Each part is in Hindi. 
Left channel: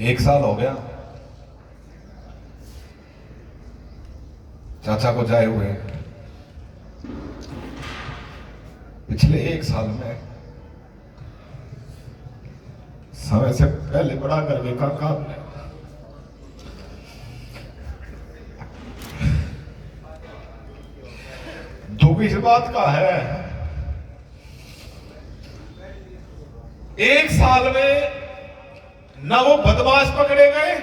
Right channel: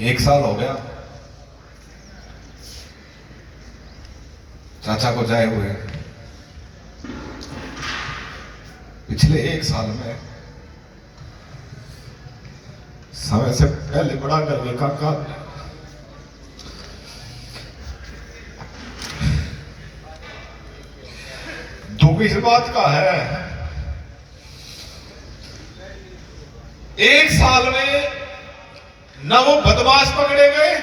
एक साल हो गया चाचा को जाए हुए। पिछले एक साल में समय से पहले बड़ा करने का काम, दुख इस बात का है एक साल में ना वो बदमाश पकड़े गए,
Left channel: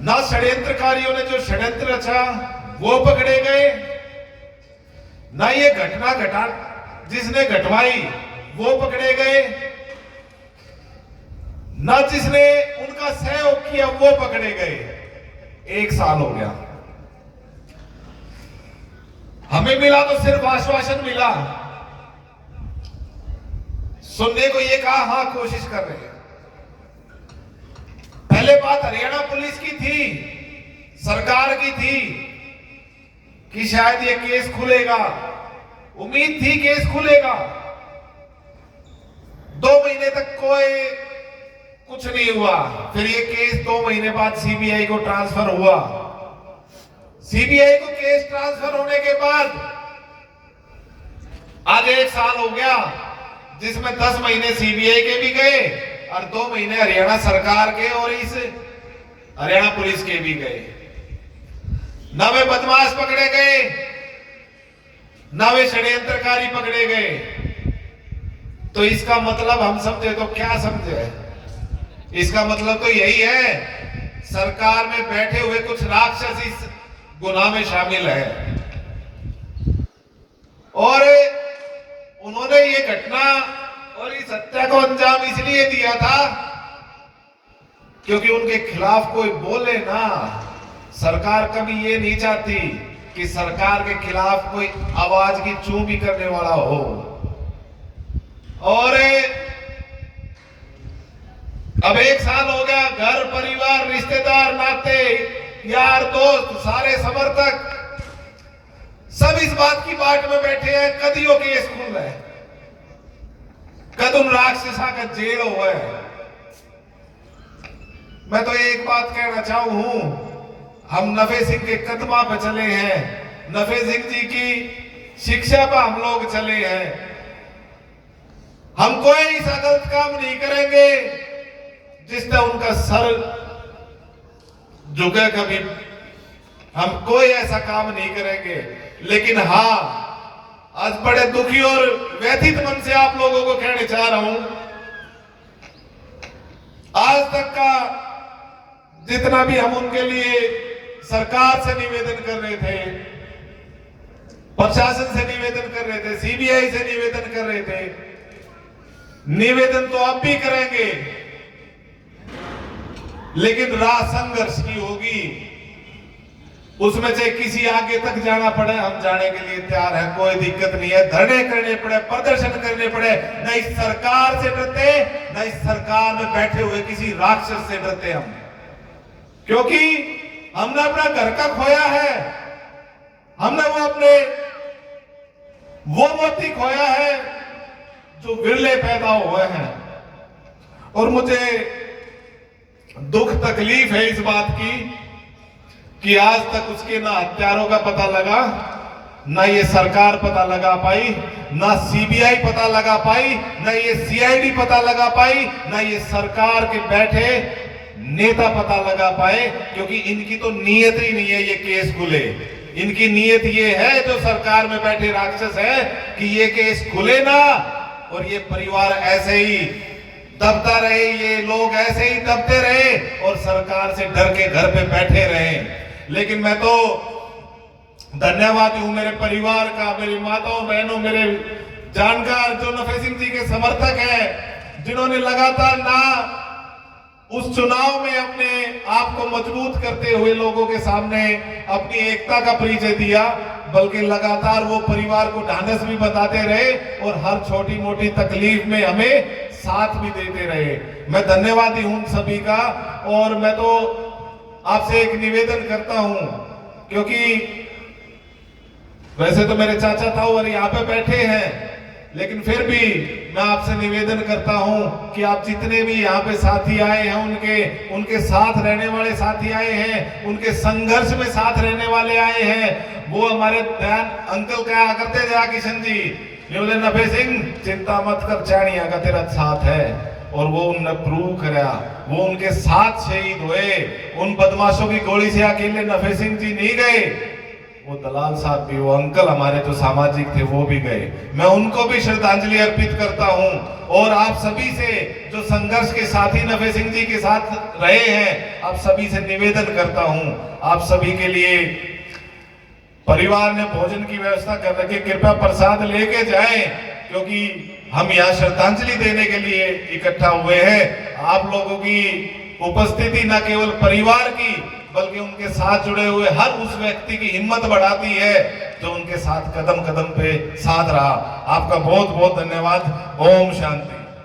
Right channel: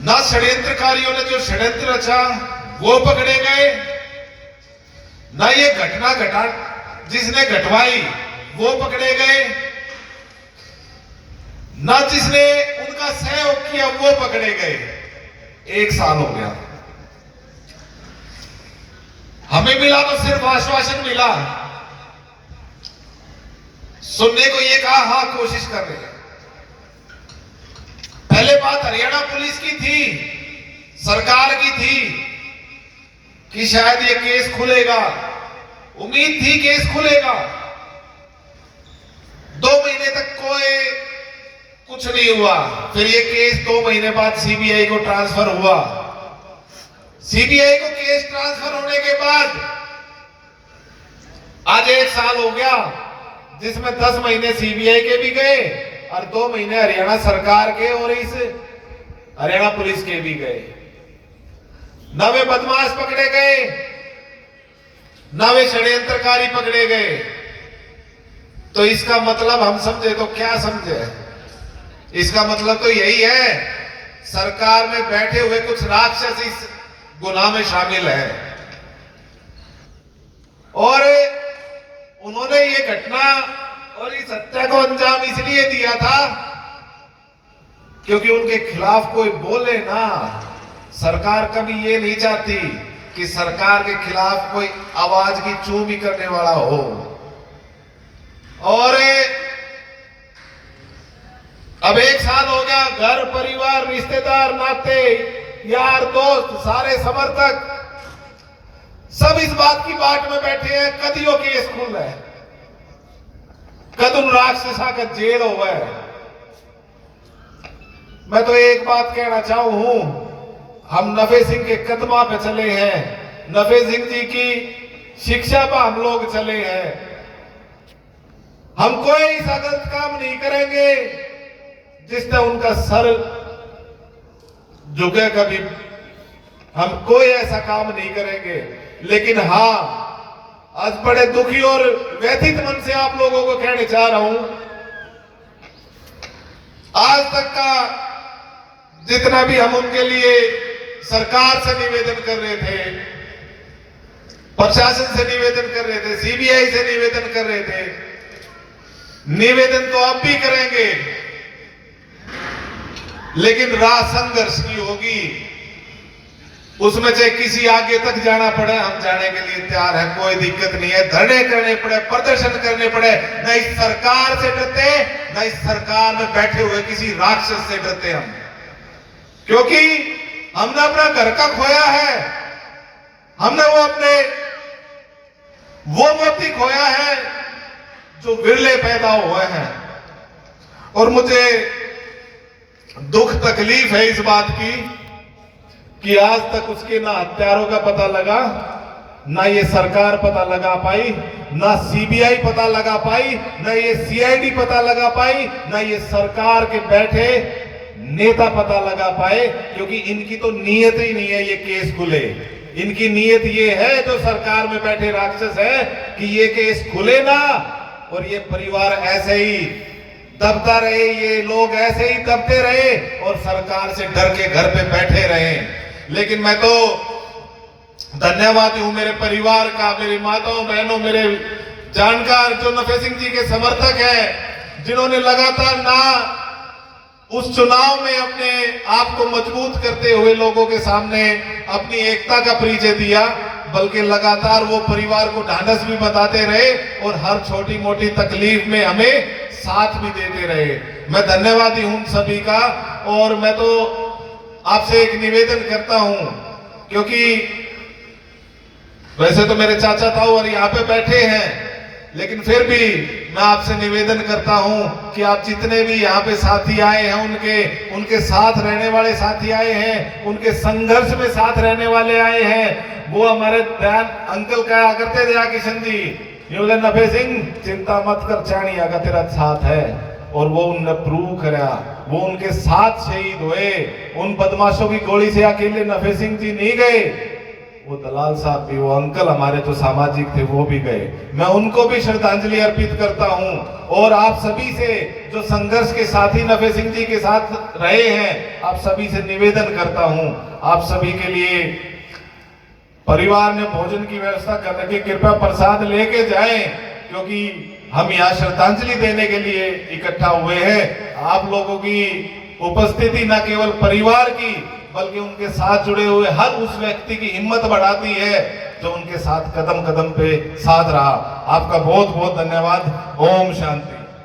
ना षड्यंत्रकारियों ने जो षड्यंत्र रचा वो पकड़े गए, ना ये घटना घटा जिसने घटवाई वो पकड़े गए, ना जिसने उनका सहयोग किया वो पकड़े गए। एक साल हो गया, हमें मिला तो सिर्फ आश्वासन मिला, सुनने को ये कहा हाँ कोशिश कर रहे हैं। पहले बात हरियाणा पुलिस की थी, सरकार की थी कि शायद ये केस खुलेगा, उम्मीद थी केस खुलेगा। 2 महीने तक कोई कुछ नहीं हुआ, फिर ये केस 2 महीने बाद सीबीआई को ट्रांसफर हुआ। सीबीआई को केस ट्रांसफर होने के बाद आज 1 साल हो गया, जिसमें 10 महीने सीबीआई के भी गए और 2 महीने हरियाणा सरकार के और इस हरियाणा पुलिस के भी गए। ना वे बदमाश पकड़े गए, ना वे षड्यंत्रकारी पकड़े गए। तो इसका मतलब हम समझे तो क्या समझे, इसका मतलब तो यही है सरकार में बैठे हुए कुछ राक्षस इस गुनाह में शामिल है और उन्होंने ये घटना और इस हत्या को अंजाम इसलिए दिया था क्योंकि उनके खिलाफ कोई बोले ना। सरकार कभी ये नहीं चाहती कि सरकार के खिलाफ कोई आवाज की चूं भी करने वाला हो। और अब 1 साल हो गया, घर परिवार रिश्तेदार नाते यार दोस्त सारे समर्थक सब इस बात की बाट में बैठे हैं कदियों केस खुल रहे, कद उन राक्षसा का जेल हुआ है। मैं तो एक बात कहना चाहूं, हम नफे सिंह के कदमा पे चले हैं, नफे सिंह जी की शिक्षा पर हम लोग चले हैं। हम कोई ऐसा गलत काम नहीं करेंगे जिससे उनका सर झुके, कभी हम कोई ऐसा काम नहीं करेंगे। लेकिन हाँ, आज बड़े दुखी और व्यथित मन से आप लोगों को कहने चाह रहा हूं, आज तक का जितना भी हम उनके लिए सरकार से निवेदन कर रहे थे, प्रशासन से निवेदन कर रहे थे, सीबीआई से निवेदन कर रहे थे, निवेदन तो अब भी करेंगे, लेकिन राह संघर्ष की होगी। उसमें चाहे किसी आगे तक जाना पड़े, हम जाने के लिए तैयार हैं, कोई दिक्कत नहीं है। धरने करने पड़े, प्रदर्शन करने पड़े, न इस सरकार से डरते, न इस सरकार में बैठे हुए किसी राक्षस से डरते हम, क्योंकि हमने अपना घर का खोया है, हमने वो मोती खोया है जो विरले पैदा हुए हैं। और मुझे दुख तकलीफ है इस बात की कि आज तक उसके ना हत्यारों का पता लगा, ना ये सरकार पता लगा पाई, ना सीबीआई पता लगा पाई, ना ये सीआईडी पता लगा पाई, ना ये सरकार के बैठे नेता पता लगा पाए, क्योंकि इनकी तो नीयत ही नहीं है ये केस खुले। इनकी नीयत ये है, जो सरकार में बैठे राक्षस है, कि ये केस खुले ना और ये परिवार ऐसे ही दबता रहे, ये लोग ऐसे ही दबते रहे और सरकार से डर के घर पे बैठे रहे। लेकिन मैं तो धन्यवादी हूं मेरे परिवार का, मेरी माताओं बहनों, मेरे जानकार जो नफे सिंह जी के समर्थक हैं, जिन्होंने लगातार ना उस चुनाव में अपने आप को मजबूत करते हुए लोगों के सामने अपनी एकता का परिचय दिया, बल्कि लगातार वो परिवार को ढांढस भी बताते रहे और हर छोटी मोटी तकलीफ में हमें साथ भी देते रहे। मैं धन्यवादी हूं सभी का। और मैं तो आपसे एक निवेदन करता हूं, क्योंकि वैसे तो मेरे चाचा ताऊ और यहाँ पे बैठे हैं, लेकिन फिर भी मैं आपसे निवेदन करता हूं कि आप जितने भी यहाँ पे साथी आए हैं, उनके साथ रहने वाले साथी आए हैं, उनके संघर्ष में साथ रहने वाले आए हैं, वो हमारे ध्यान अंकल कहा करते थे किशन जी, योले नफे सिंह चिंता मत कर, चाणिया का तेरा साथ है। और वो उनने प्रूव करा, वो उनके साथ शहीद हुए। उन बदमाशों की गोली से अकेले नफे सिंह जी नहीं गए, वो दलाल साहब भी, वो अंकल हमारे जो सामाजिक थे वो भी गए। मैं उनको भी श्रद्धांजलि अर्पित करता हूं। और आप सभी से जो संघर्ष के साथी नफे सिंह जी के साथ रहे हैं, आप सभी से निवेदन करता हूं, आप सभी के लिए परिवार ने भोजन की व्यवस्था कर रखी, कृपया प्रसाद लेके जाएं, क्योंकि हम यहाँ श्रद्धांजलि देने के लिए इकट्ठा हुए हैं। आप लोगों की उपस्थिति न केवल परिवार की बल्कि उनके साथ जुड़े हुए हर उस व्यक्ति की हिम्मत बढ़ाती है जो उनके साथ कदम कदम पे साथ रहा। आपका बहुत बहुत धन्यवाद। ओम शांति।